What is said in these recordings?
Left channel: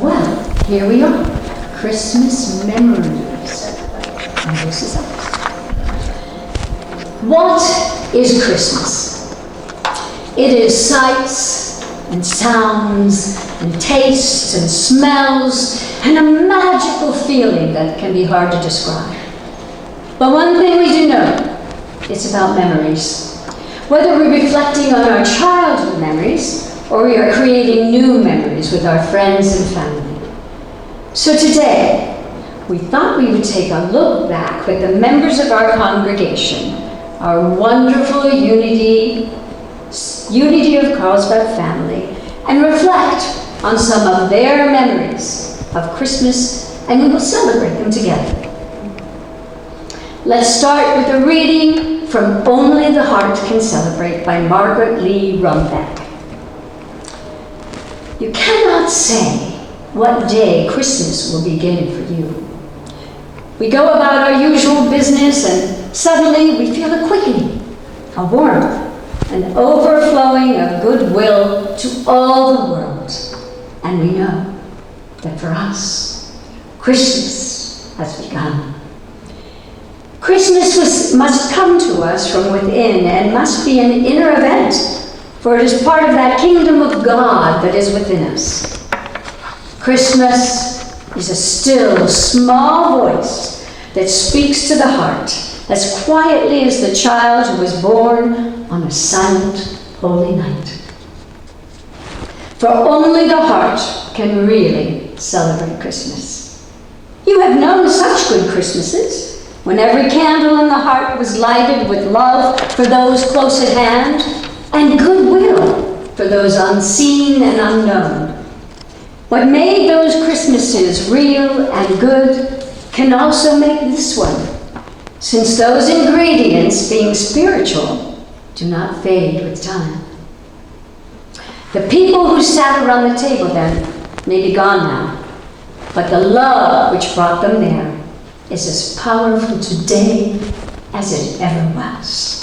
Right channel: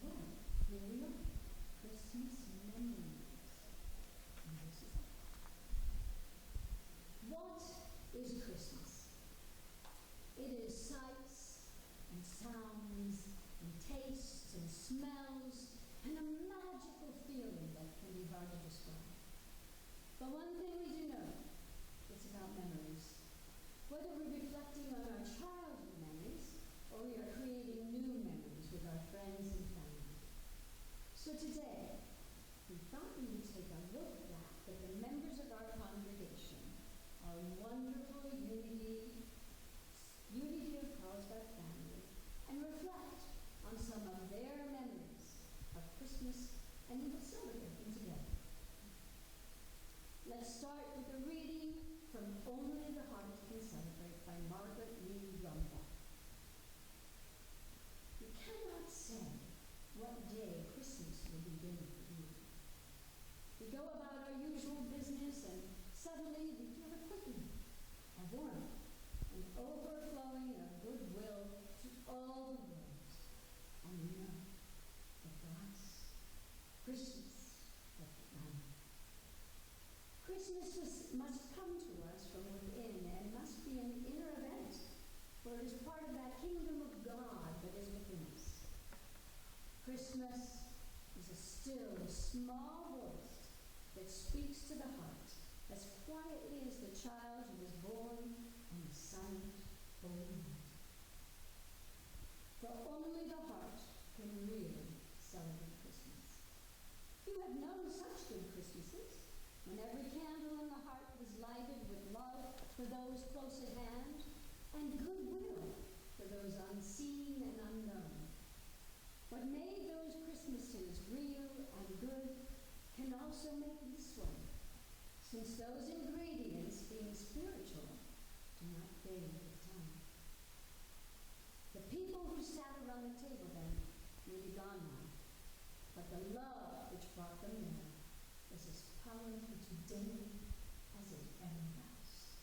Well, here we are, Christmas memories. And this is us. What is Christmas? It is sights and sounds and tastes and smells and a magical feeling that can be hard to describe. But one thing we do know, it's about memories. Whether we're reflecting on our childhood memories or we are creating new memories with our friends and family. So today, we thought we would take a look back with the members of our congregation, our wonderful unity of Carlsbad family, and reflect on some of their memories of Christmas, and we will celebrate them together. Let's start with a reading from Only the Heart Can Celebrate by Margaret Lee Rumbeck. You cannot say what day Christmas will begin for you. We go about our usual business and suddenly we feel a quickening, a warmth, an overflowing of goodwill to all the world. And we know that for us, Christmas has begun. Christmas must come to us from within and must be an inner event, for it is part of that kingdom of God that is within us. Christmas is a still, small voice that speaks to the heart as quietly as the child who was born on a silent, holy night. For only the heart can really celebrate Christmas. You have known such good Christmases, when every candle in the heart was lighted with love for those close at hand and goodwill for those unseen and unknown. What made those Christmases real and good can also make this one, since those ingredients, being spiritual, do not fade with time. The people who sat around the table then may be gone now, but the love which brought them there is as powerful today as it ever was.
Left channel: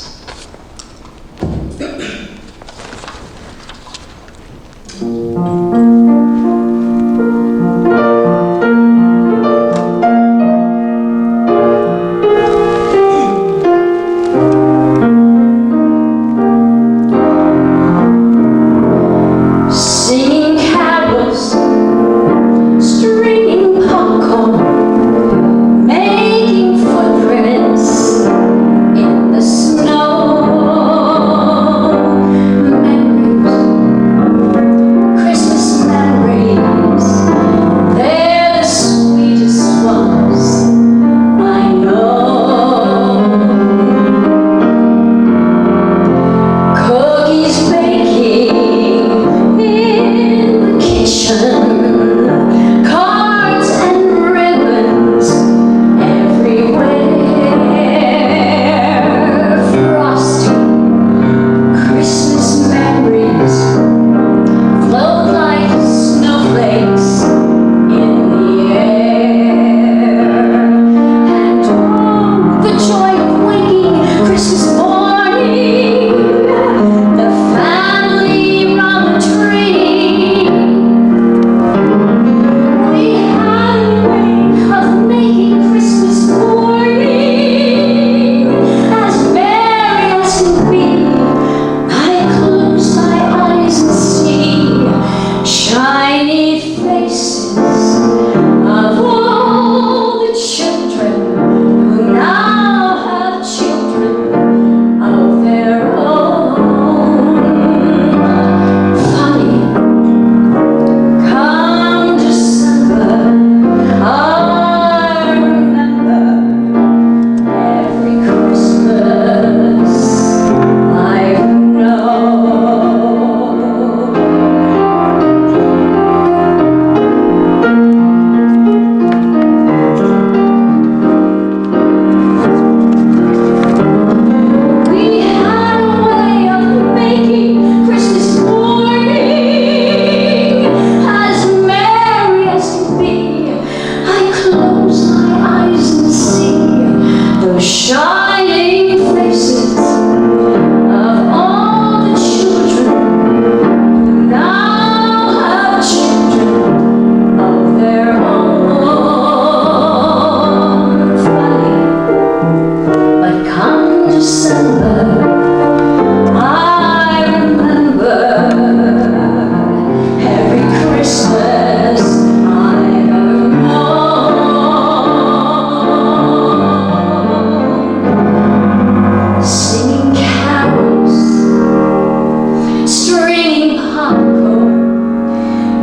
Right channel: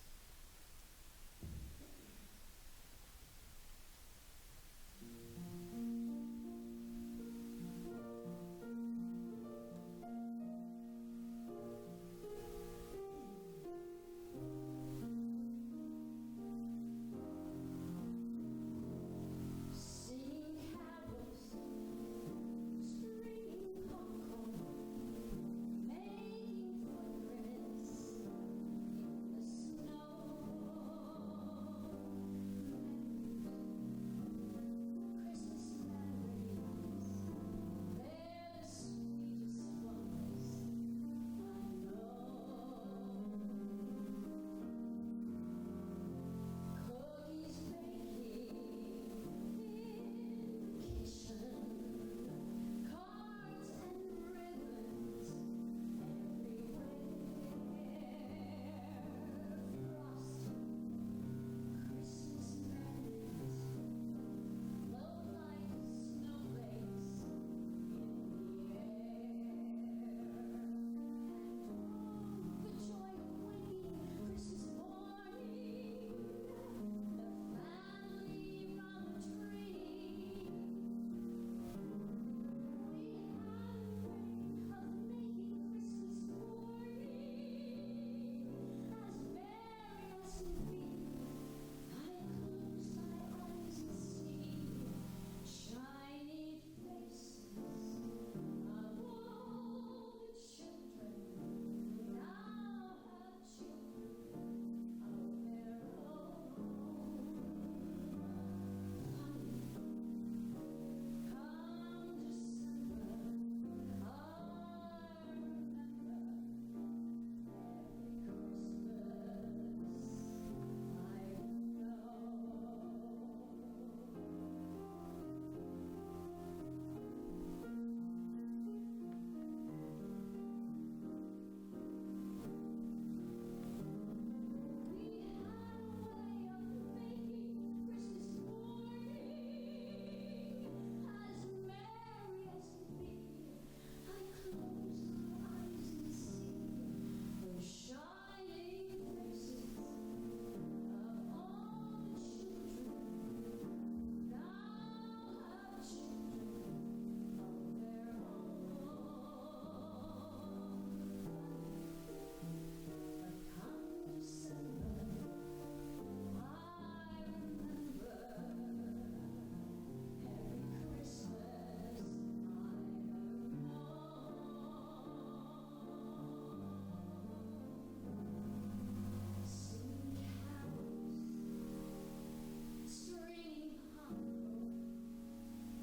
Snow.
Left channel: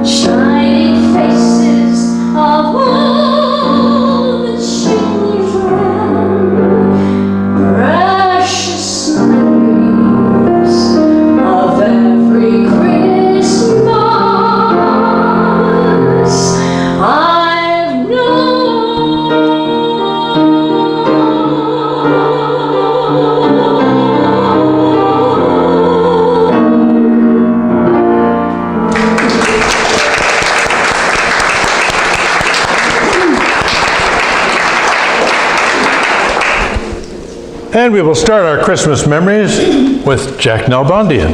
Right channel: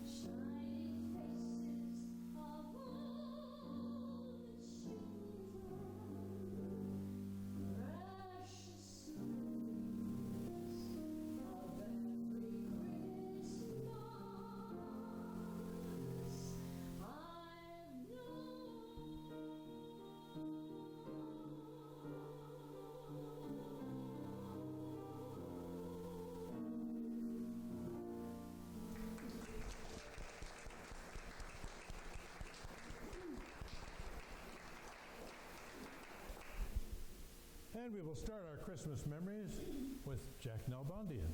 shining faces of all the children, precious memories of every Christmas I've known. And we will start our Christmas memories with Jack Nalbandian.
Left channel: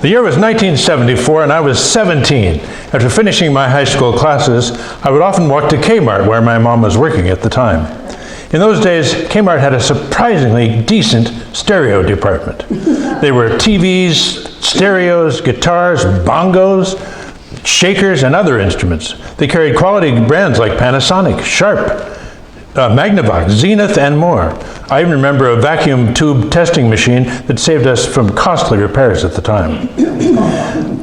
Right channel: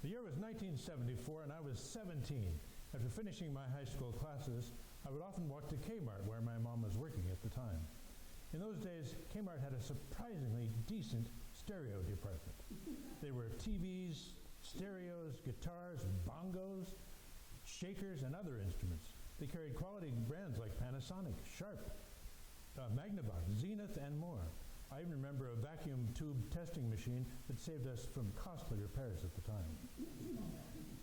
The year was 1974 and I was 17. After finishing my high school classes, I would often walk to Kmart where my mom was working at the time. In those days, Kmart had a surprisingly decent stereo department. There were TVs, stereos, guitars, bongos, shakers, and other instruments. They carried quality brands like Panasonic, Sharp, Magnavox, Zenith, and more. I even remember a vacuum tube testing machine that saved us from costly repairs at the time.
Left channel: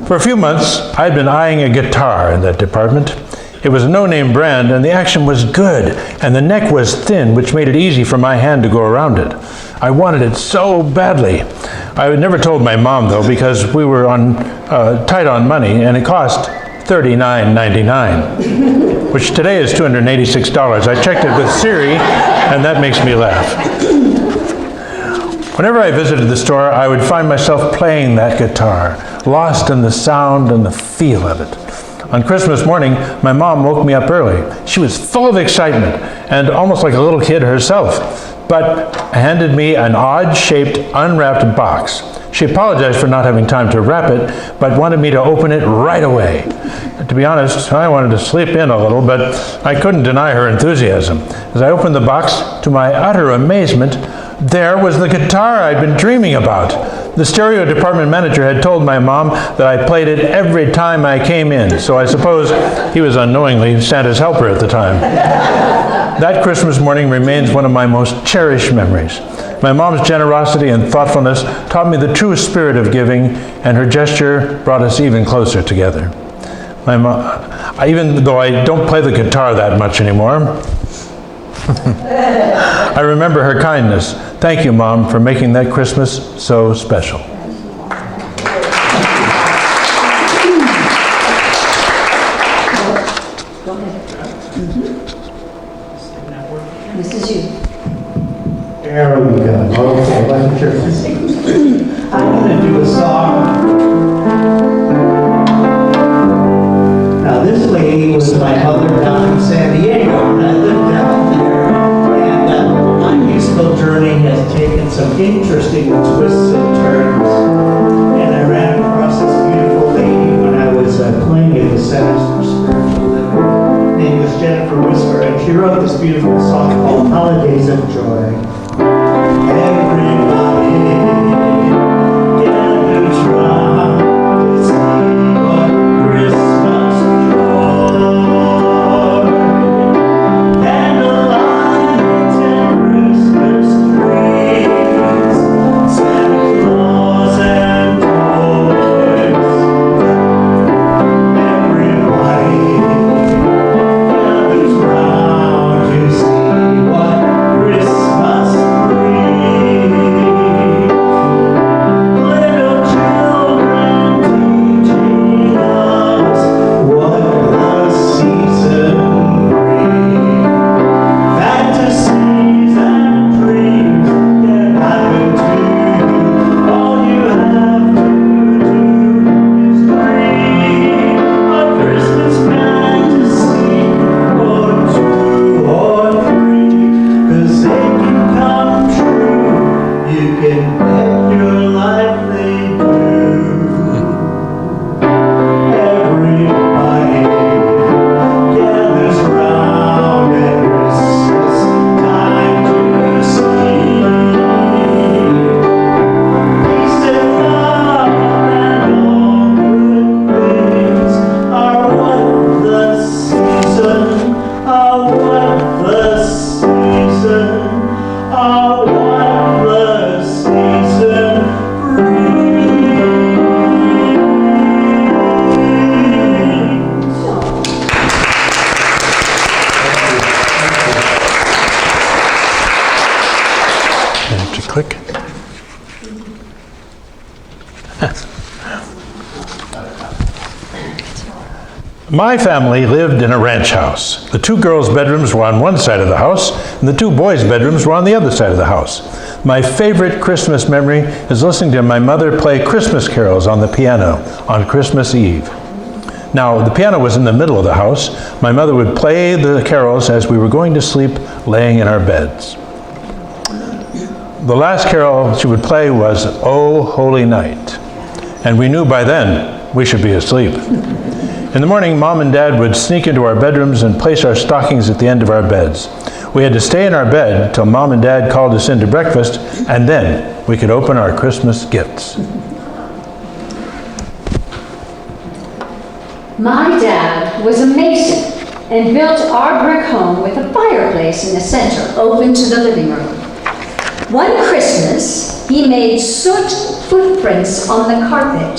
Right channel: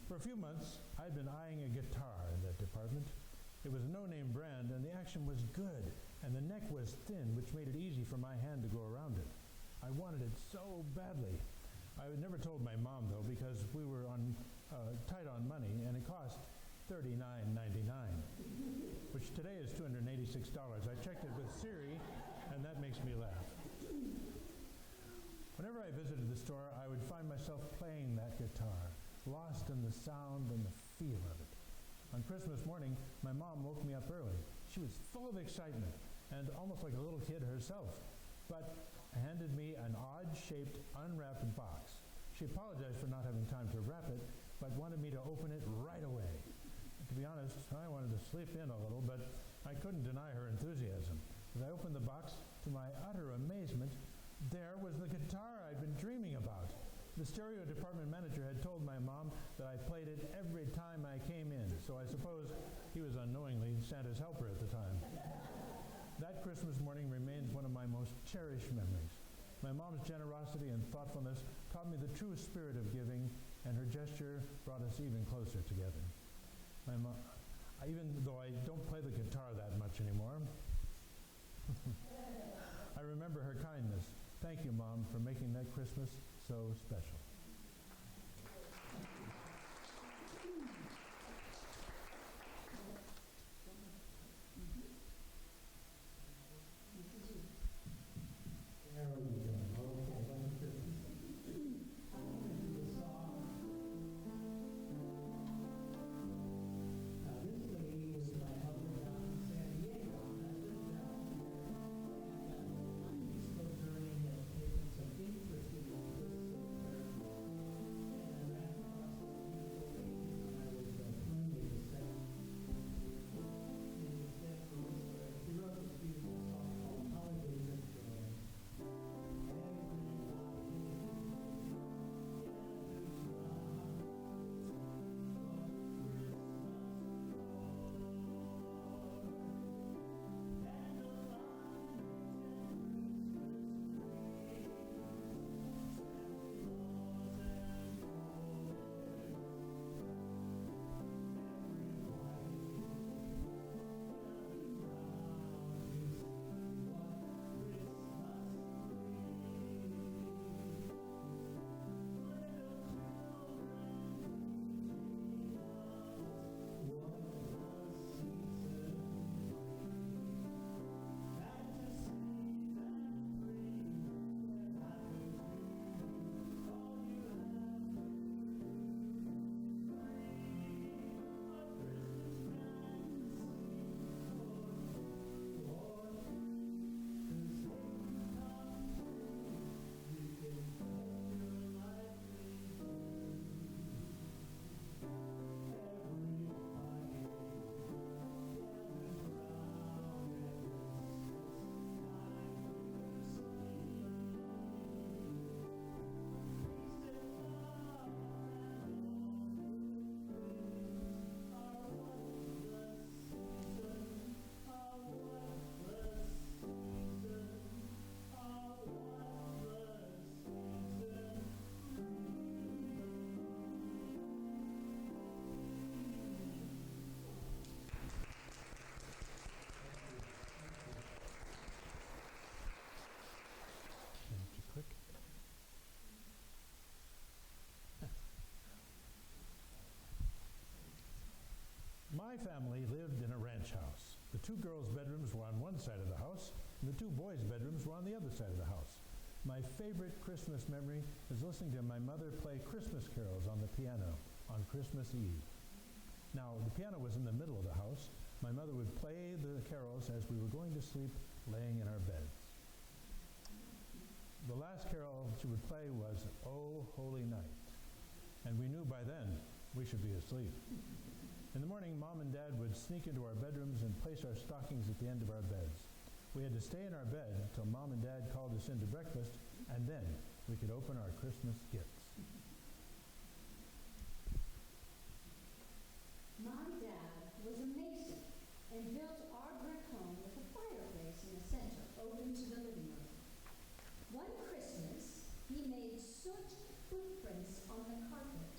For a few months, I'd been eyeing a guitar in that department. It was a no-name brand, and the action was good, and the neck was thin, which made it easy for my hand to go around it. I wanted it so badly. I had never told my mom, though, because we were tight on money, and it cost $39.99, which today is $286. I checked it with Siri, and that makes me laugh. Whenever I visited the store, I would find myself playing that guitar, lost in the sound and the feel of it. On Christmas morning, my mom woke me up early. She was full of excitement and almost like a little kid herself, but handed me an odd-shaped, unwrapped box. She apologized for not having time to wrap it, but wanted me to open it right away. To be honest, I wanted to sleep in a little, but I couldn't deny her enthusiasm. As I opened the box, to my utter amazement, there was the guitar I'd been dreaming about. The stereo department manager had told my mom that I played it every time I came in, so I suppose he was unknowingly Santa's helper at the time. That Christmas morning remains one of my most cherished memories. My mom's generosity and thoughtfulness taught me the true spirit of giving, and her gesture brought us even closer together. My mom, even though I don't play the guitar that much anymore, I remember her kindness. Thank you, Mom, for making that Christmas so special. Go ahead. This is you. There we go. Okay, let me turn this. I'm going to do a song. Now, this lady was my mother down in San Diego, and I lived down there. And my musical journey has taken some interesting twists and turns. And I ran across this beautiful lady when I was playing at the Centers for Spiritual Living. Her name was Jennifer Whisper, and she wrote this beautiful song called Holidays of Joy. Everybody gathers round to see what Christmas joy. Candlelights and Christmas trees, Santa Claus and toys. Everybody gathers round to see what Christmas My family lived in a ranch house. The 2 girls' bedrooms were on one side of the house, and the 2 boys' bedrooms were on the other side of the house. My favorite Christmas memory is listening to my mother play Christmas carols on the piano on Christmas Eve. Now, the piano was in the middle of the house. My mother would play the carols as we were going to sleep, laying in our beds. The last carol she would play was "O Holy Night," and we knew by then we should be asleep. In the morning, Mom and Dad would sneak into our bedrooms and place our stockings at the end of our beds. We had to stay in our bed till Mom and Dad called us in to breakfast, and then we could open our Christmas gifts. My dad was a mason and built our brick home with a fireplace in the center open to the living room. One Christmas, he made soot footprints on the carpet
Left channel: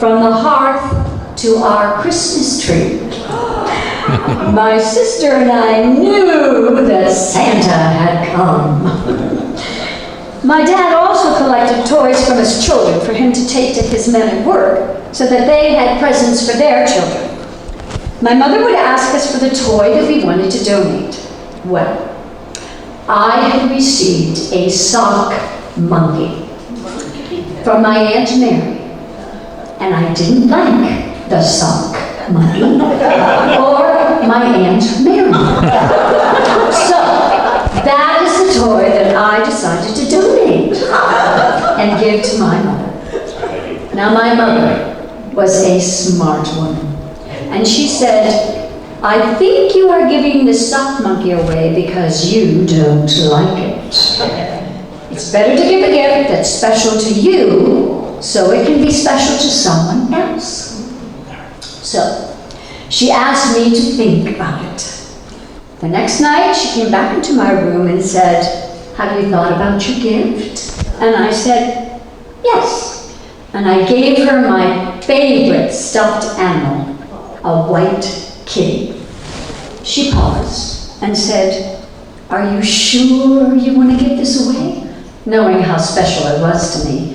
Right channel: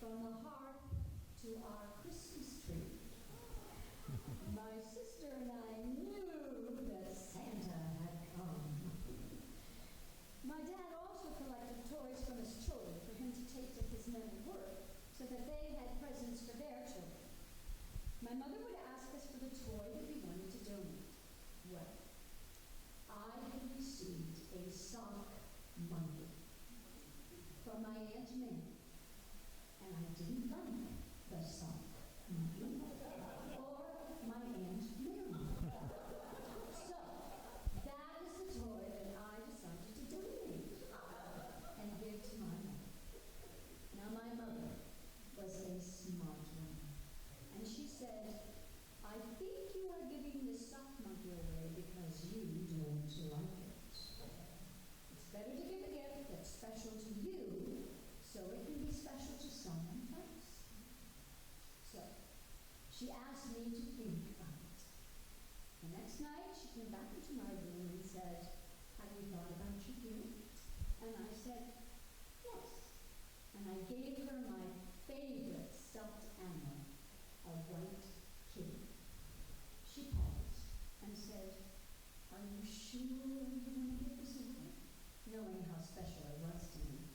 from the hearth to our Christmas tree. My sister and I knew that Santa had come. My dad also collected toys from his children for him to take to his men at work so that they had presents for their children. My mother would ask us for the toy that we wanted to donate. Well, I had received a sock monkey from my Aunt Mary, and I didn't like the sock monkey or my Aunt Mary. So that is the toy that I decided to donate and give to my mother. Now my mother was a smart woman, and she said, "I think you are giving the sock monkey away because you don't like it. It's better to give a gift that's special to you so it can be special to someone else." So she asked me to think about it. The next night, she came back into my room and said, "Have you thought about your gift?" And I said, "Yes." And I gave her my favorite stuffed animal, a white kitty. She paused and said, "Are you sure you want to give this away?" Knowing how special it was to me.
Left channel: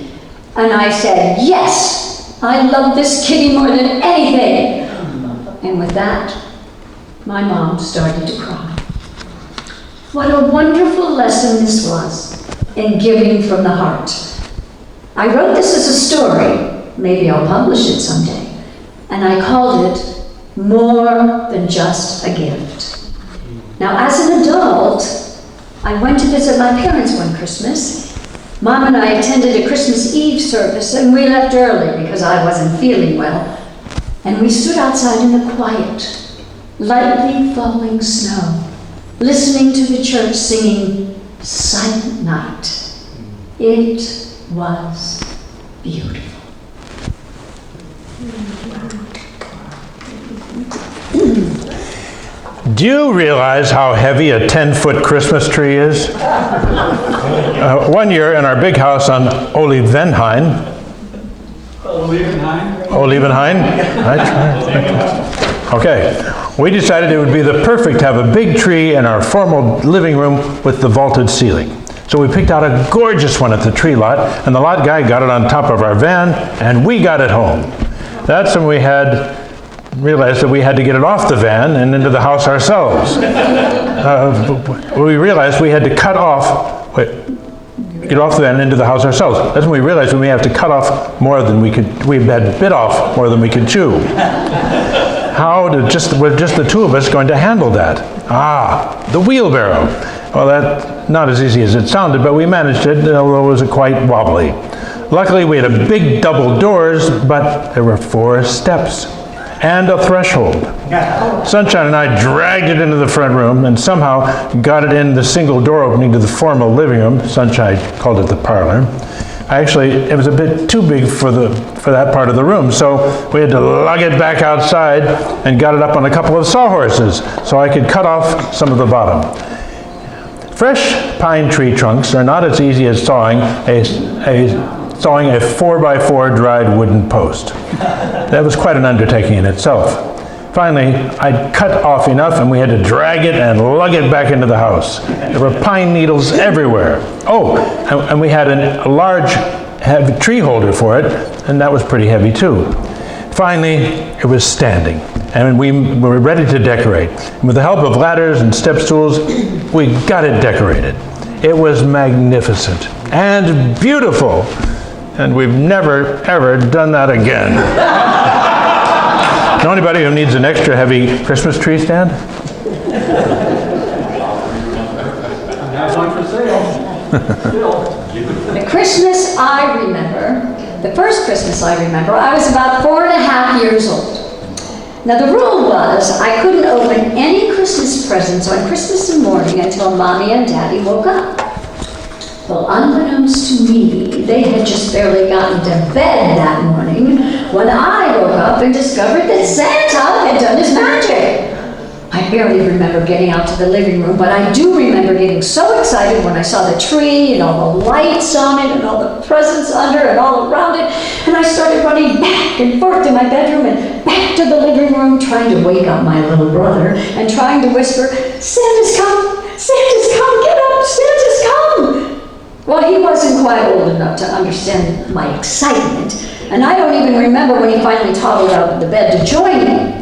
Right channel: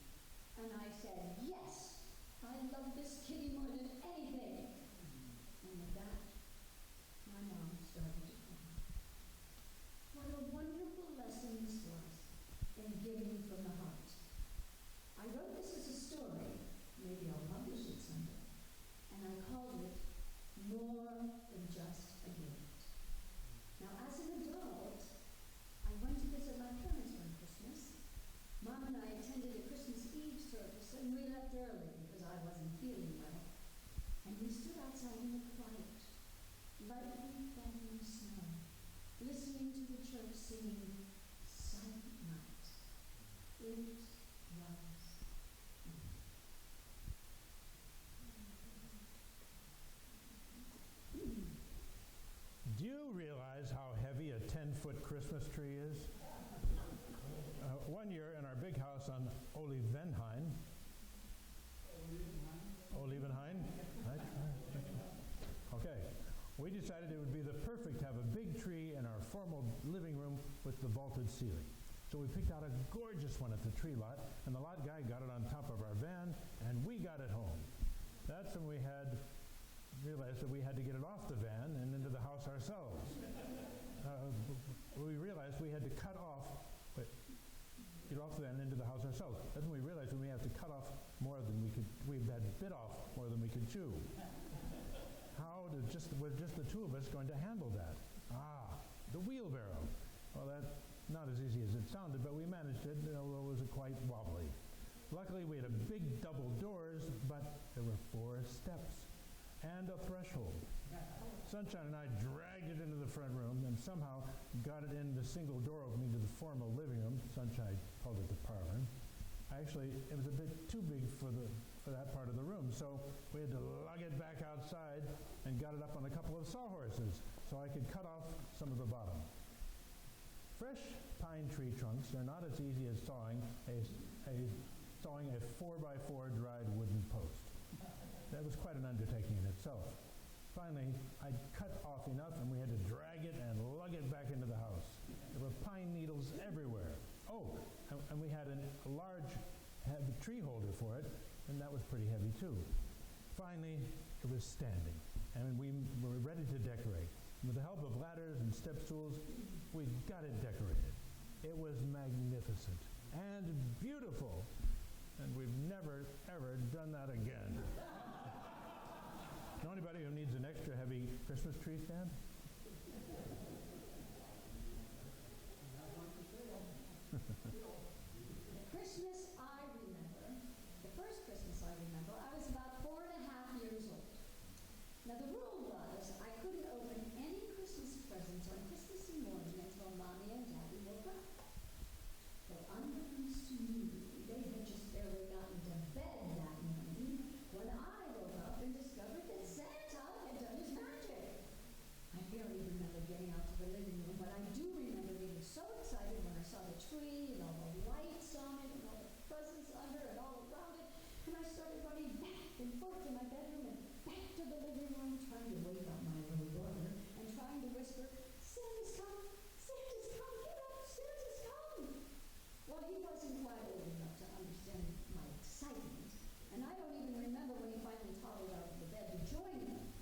And I said, "Yes, I love this kitty more than anything." And with that, my mom started to cry. What a wonderful lesson this was in giving from the heart. I wrote this as a story, maybe I'll publish it someday, and I called it More Than Just a Gift. Now, as an adult, I went to visit my parents one Christmas. Mom and I attended a Christmas Eve service, and we left early because I wasn't feeling well. And we stood outside in the quiet, lightly falling snow, listening to the church singing Silent Night. It was beautiful. Do you realize how heavy a 10-foot Christmas tree is? One year in our big house on Olivenhain. Okay. We decided it would be the perfect to have a big tree in our formal living room with the vaulted ceiling. So we picked out a gorgeous one at the tree lot, and the lot guy got it on top of our van, and we got it home. That's when we realized that we had to get it off the van and into the house ourselves. We realized we had to get off the van and into the house ourselves. That's when we realized we have to cut off more than we had bit off more than we could chew. Were just the two of us going to handle that? The wheelbarrow. Well, that's not as easy as it sounded, but we managed it, although it was quite wobbly. Luckily, we had a big double doors, but there were 4 steps and a threshold. Sunshine and I dragged it into the front room and somehow got it in the single door opening to the formal living room. Sunshine called it the parlor. Actually, it was a bit too big for that part of the room, so we had to lug it back outside and got it up on a couple of sawhorses so I could cut off some of the bottom. Fresh pine tree trunks are not as easy as sawing a 4x4 dried wooden post. That was quite an undertaking in itself. Finally, I'd cut off enough and we had to drag it and lug it back into the house. There were pine needles everywhere. And we had a large heavy tree holder for it, and that was pretty heavy too. Finally, it was standing, and we were ready to decorate. And with the help of ladders and step stools, we got it decorated. It was magnificent and beautiful, and we've never, ever done that again. Know anybody who needs an extra heavy Christmas tree stand? I have one for sale. The Christmas I remember, the first Christmas I remember, I was about 4.5 years old. Now the rule was I couldn't open any Christmas presents on Christmas morning until Mommy and Daddy woke up. Well, unbeknownst to me, they had just barely gotten to bed that morning when I woke up and discovered that Santa had done his magic. I barely remember getting out to the living room, but I do remember getting so excited when I saw the tree and all the lights on it and all the presents under and all around it, and I started running back and forth to my bedroom and back to the living room, trying to wake up my little brother and trying to whisper, "Santa's come! Santa's come! Get up! Santa's come!" Well, he wasn't quite old enough to understand my excitement, and I don't even remember when he finally toddled out of the bed to join me.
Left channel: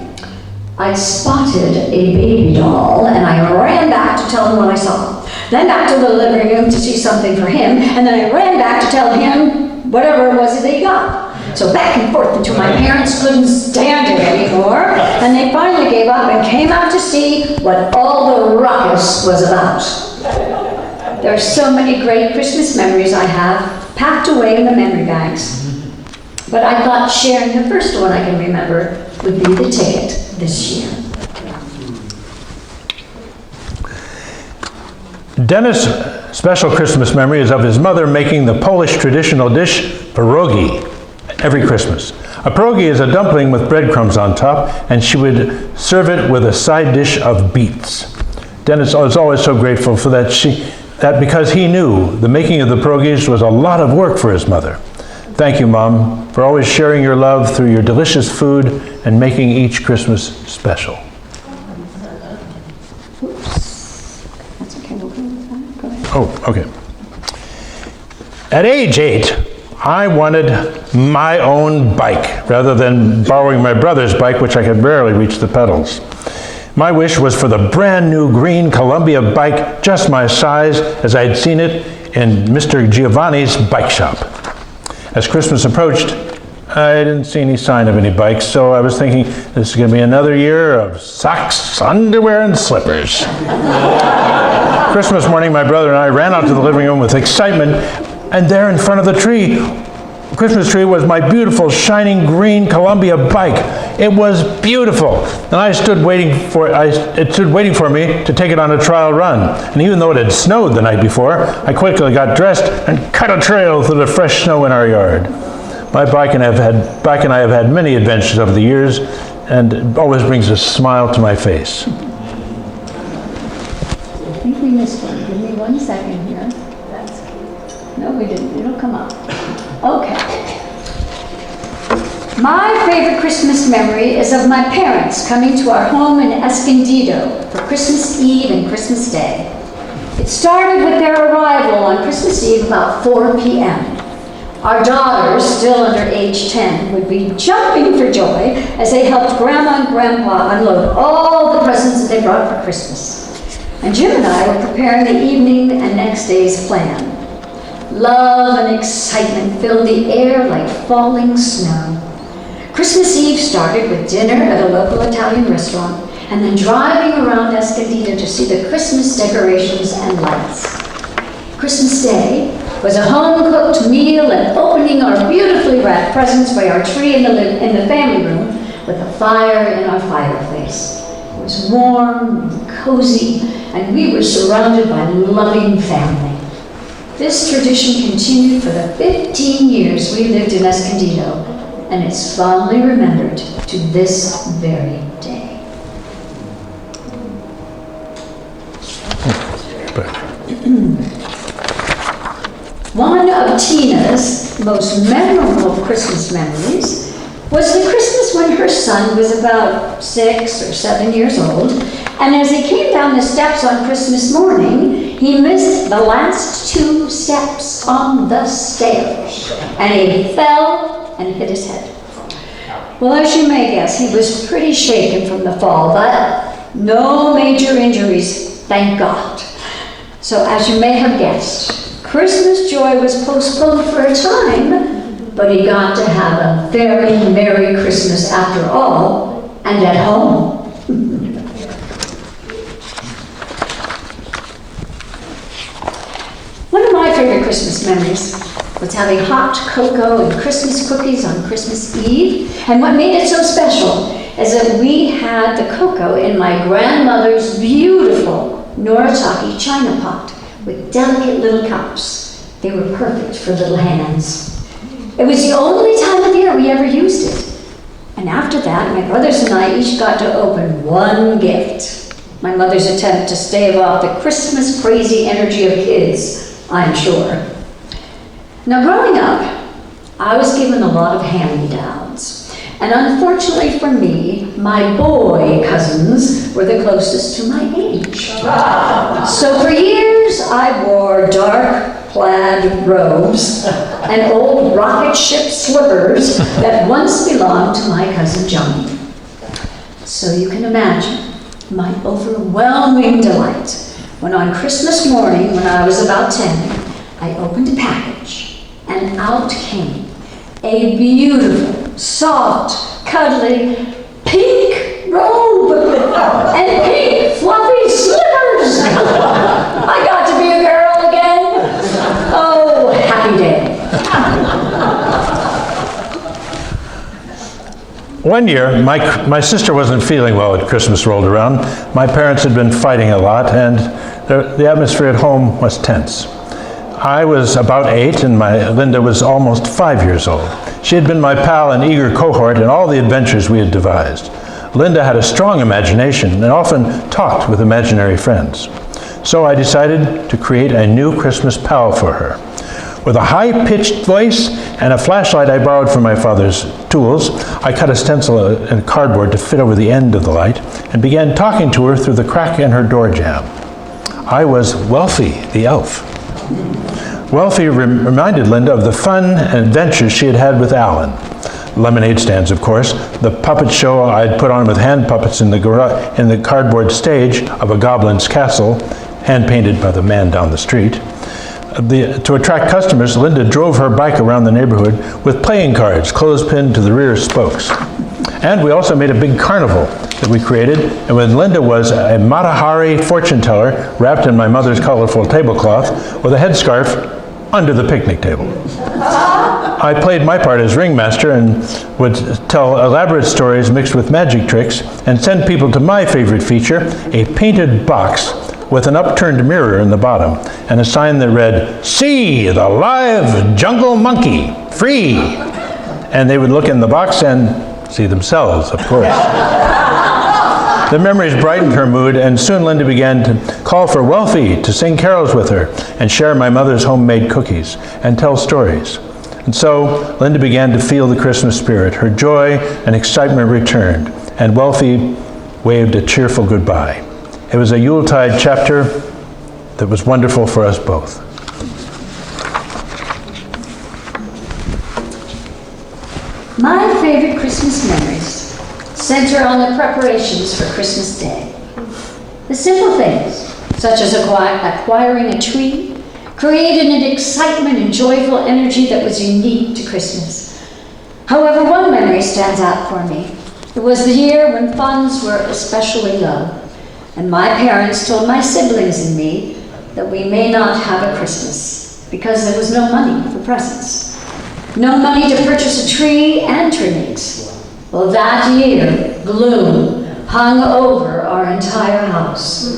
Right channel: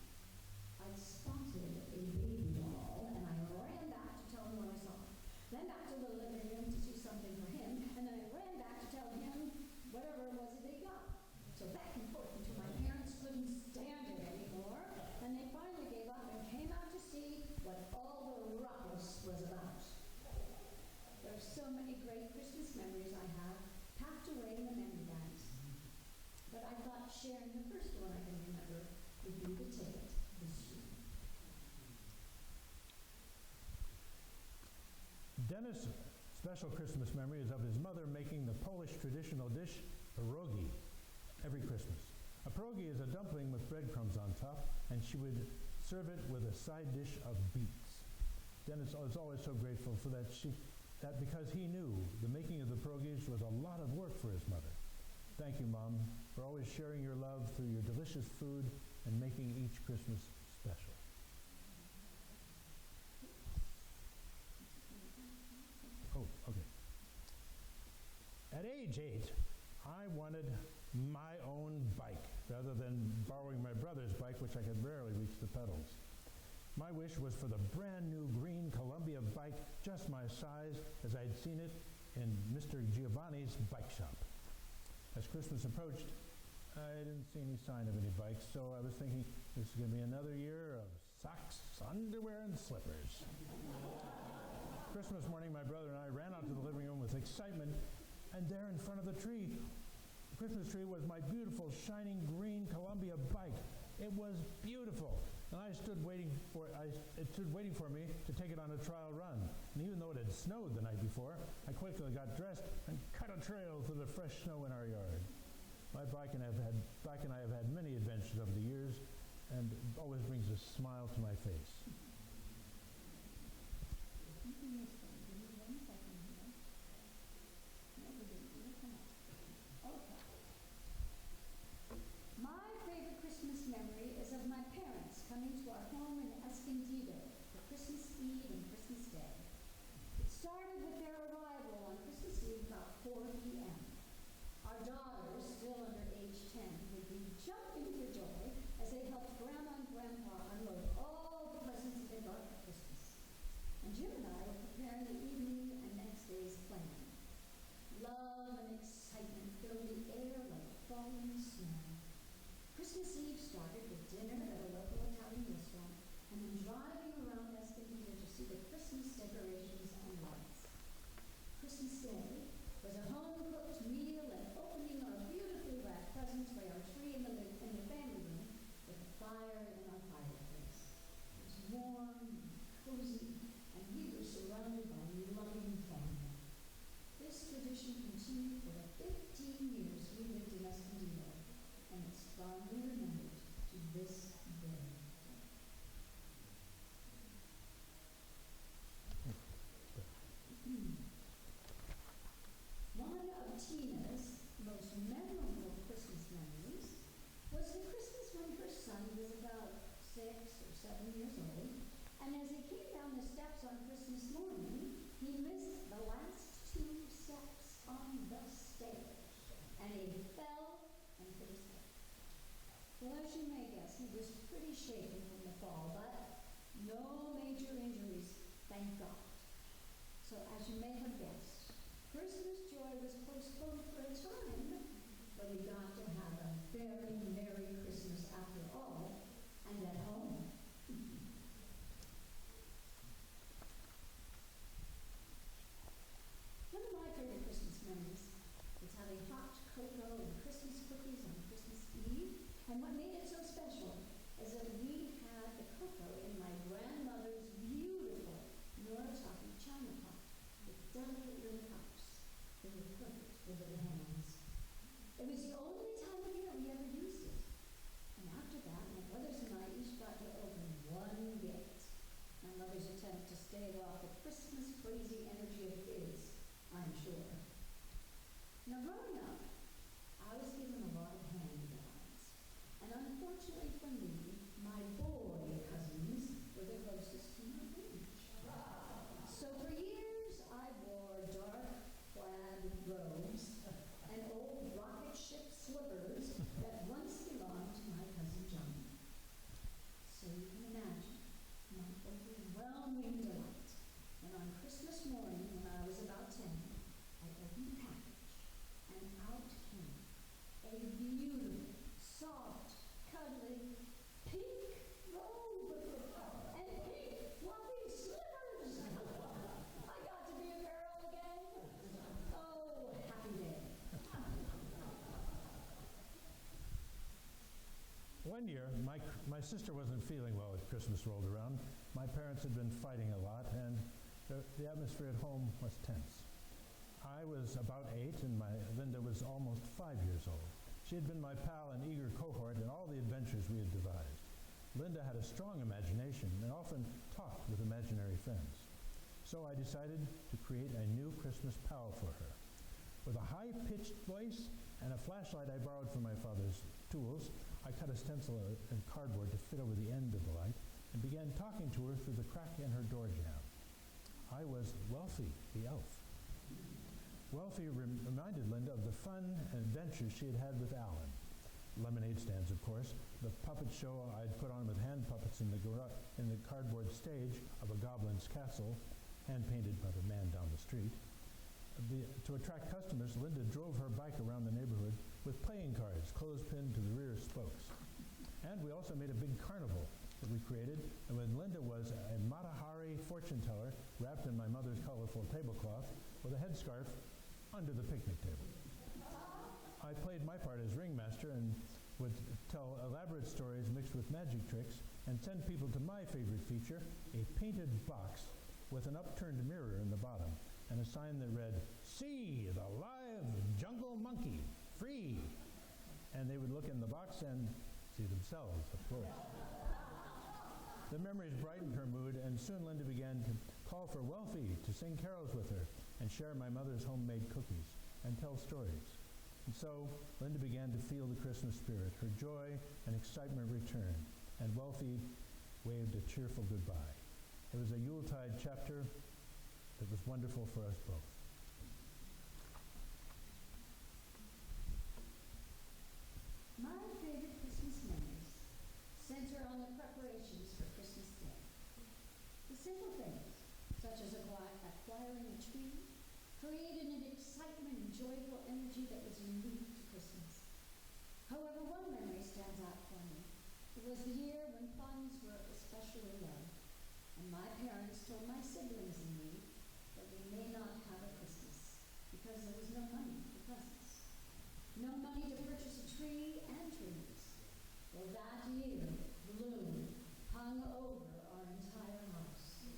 I spotted a baby doll, and I ran back to tell him what I saw. Then back to the living room to see something for him, and then I ran back to tell him whatever it was that he got. So back and forth until my parents couldn't stand it anymore, and they finally gave up and came out to see what all the ruckus was about. There are so many great Christmas memories I have packed away in the memory bags. But I thought sharing the first one I can remember would be the ticket this year. Dennis' special Christmas memory is of his mother making the Polish traditional dish, pierogi, every Christmas. A pierogi is a dumpling with breadcrumbs on top, and she would serve it with a side dish of beets. Dennis was always so grateful for that because he knew the making of the pierogies was a lot of work for his mother. Thank you, Mom, for always sharing your love through your delicious food and making each Christmas special. Oops. That's okay, we'll go with that. Go ahead. Oh, okay. At age 8, I wanted my own bike rather than borrowing my brother's bike, which I could barely reach the pedals. My wish was for the brand new green Columbia bike, just my size, as I had seen it in Mr. Giovanni's bike shop. As Christmas approached, I didn't see any sign of any bikes, so I was thinking this is going to be another year of socks, underwear, and slippers. Christmas morning, my brother and I ran out to the living room with excitement, and there in front of the Christmas tree was my beautiful, shining green Columbia bike. It was beautiful, and it stood waiting for me to take it on a trial run. And even though it had snowed the night before, I quickly got dressed and cut a trail through the fresh snow in our yard. My bike and I have had many adventures over the years, and it always brings a smile to my face. I think we missed one. Give me 1 second here. No, we didn't. It'll come up. Okay. My favorite Christmas memory is of my parents coming to our home in Escondido for Christmas Eve and Christmas Day. It started with their arrival on Christmas Eve about 4 p.m. Our daughters, still under age 10, would be jumping for joy as they helped Grandma and Grandpa unload all the presents that they brought for Christmas. And Jim and I were preparing the evening and next day's plan. Love and excitement filled the air like falling snow. Christmas Eve started with dinner at a local Italian restaurant and then driving around Escondido to see the Christmas decorations and lights. Christmas Day was a home-cooked meal and opening our beautifully wrapped presents by our tree in the family room with a fire in our fireplace. It was warm and cozy, and we were surrounded by loving family. This tradition continued for the 15 years we lived in Escondido, and it's fondly remembered to this very day. One of Tina's most memorable Christmas memories was the Christmas when her son was about 6 or 7 years old, and as he came down the steps on Christmas morning, he missed the last 2 steps on the stairs, and he fell and hit his head. Well, as you may guess, he was pretty shaken from the fall, but no major injuries, thank God. So as you may have guessed, Christmas joy was postponed for a time, but he got to have a very Merry Christmas after all, and at home. One of my favorite Christmas memories was having hot cocoa and Christmas cookies on Christmas Eve. And what made it so special is that we had the cocoa in my grandmother's beautiful Noritake china pot with delicate little cups. They were perfect for little hands. It was the only time of year we ever used it. And after that, my brothers and I each got to open one gift. My mother's attempt to stave off the Christmas crazy energy of kids, I'm sure. Now, growing up, I was given a lot of hand-me-downs. And unfortunately for me, my boy cousins were the closest to my age. So for years, I wore dark plaid robes and old rocket ship slippers that once belonged to my cousin Johnny. So you can imagine my overwhelming delight when on Christmas morning, when I was about 10, I opened a package. And out came a beautiful, soft, cuddly, pink robe and pink, fluffy slippers. I got to be a girl again. Oh, happy day. One year, my sister wasn't feeling well when Christmas rolled around. My parents had been fighting a lot, and the atmosphere at home was tense. I was about 8 and Linda was almost 5 years old. She had been my pal and eager cohort in all the adventures we had devised. Linda had a strong imagination and often talked with imaginary friends. So I decided to create a new Christmas pal for her. With a high-pitched voice and a flashlight I borrowed from my father's tools, I cut a stencil and cardboard to fit over the end of the light and began talking to her through the crack in her door jamb. I was Wealthy, the elf. Wealthy reminded Linda of the fun and adventures she had had with Alan. Lemonade stands, of course, the puppet show I'd put on with hand puppets in the cardboard stage of a goblin's castle, hand-painted by the man down the street. To attract customers, Linda drove her bike around the neighborhood with playing cards clothespined to the rear spokes. And we also made a big carnival that we created, and when Linda was a Matahari fortune teller wrapped in my mother's colorful tablecloth with a headscarf under the picnic table. I played my part as ringmaster and would tell elaborate stories mixed with magic tricks and send people to my favorite feature, a painted box with an upturned mirror in the bottom and a sign that read, "See the live jungle monkey, free." And they would look in the box and see themselves, of course. The memories brightened her mood, and soon Linda began to call for Wealthy to sing carols with her and share my mother's homemade cookies and tell stories. And so Linda began to feel the Christmas spirit. Her joy and excitement returned, and Wealthy waved a cheerful goodbye. It was a Yuletide chapter that was wonderful for us both. My favorite Christmas memories center on the preparations for Christmas Day. The simple things, such as acquiring a tree, created an excitement and joyful energy that was unique to Christmas. However, one memory stands out for me. It was the year when funds were especially low, and my parents told my siblings and me that we may not have a Christmas because there was no money for presents. No money to purchase a tree and trimmings. Well, that year, gloom hung over our entire house.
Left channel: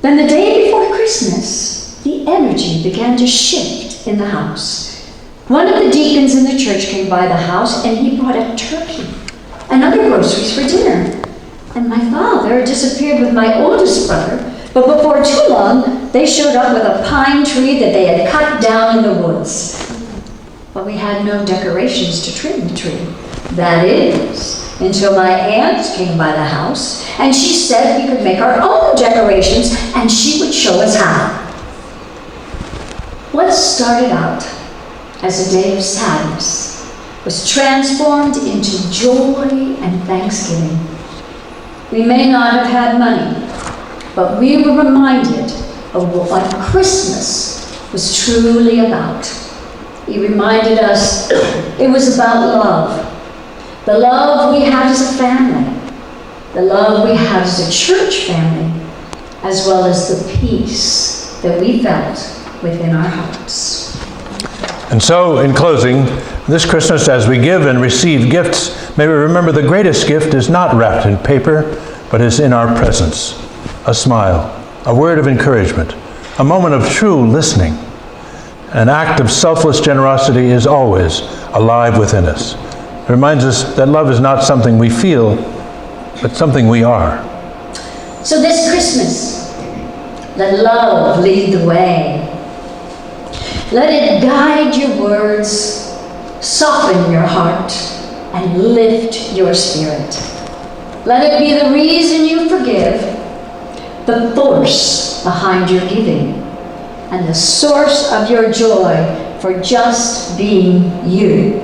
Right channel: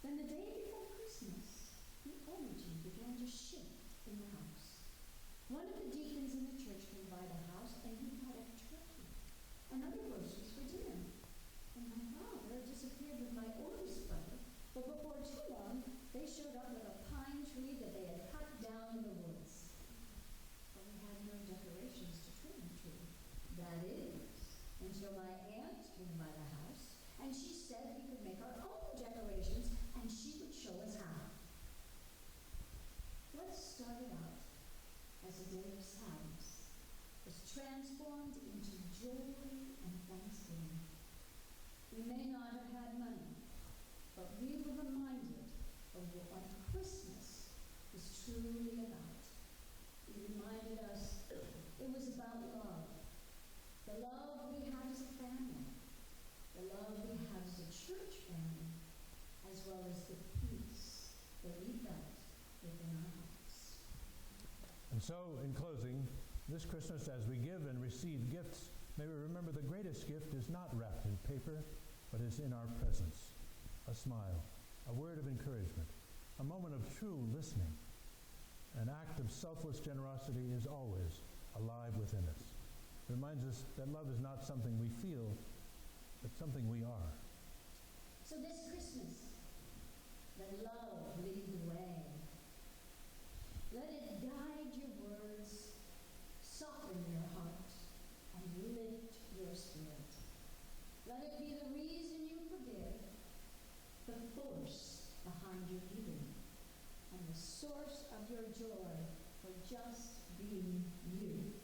Then the day before Christmas, the energy began to shift in the house. One of the deacons in the church came by the house and he brought a turkey and other groceries for dinner. And my father disappeared with my oldest brother, but before too long, they showed up with a pine tree that they had cut down in the woods. But we had no decorations to trim the tree. That is, until my aunt came by the house, and she said we could make our own decorations, and she would show us how. What started out as a day of sadness was transformed into joy and thanksgiving. We may not have had money, but we were reminded of what Christmas was truly about. He reminded us it was about love. The love we had as a family, the love we had as a church family, as well as the peace that we felt within our hearts. And so, in closing, this Christmas, as we give and receive gifts, may we remember the greatest gift is not wrapped in paper, but is in our presence. A smile, a word of encouragement, a moment of true listening. An act of selfless generosity is always alive within us. It reminds us that love is not something we feel, but something we are. So this Christmas, let love lead the way. Let it guide your words, soften your heart, and lift your spirit. Let it be the reason you forgive, the force behind your giving, and the source of your joy for just being you.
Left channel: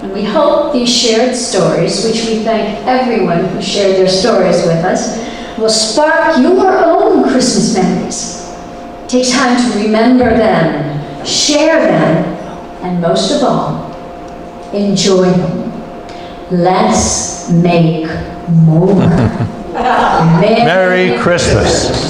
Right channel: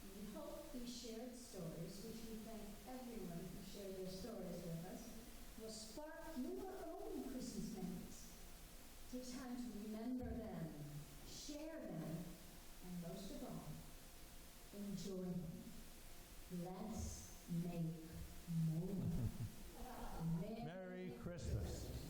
And we hope these shared stories, which we thank everyone who shared their stories with us, will spark your own Christmas memories. Take time to remember them, share them, and most of all, enjoy them. Let's make more. Merry Christmas.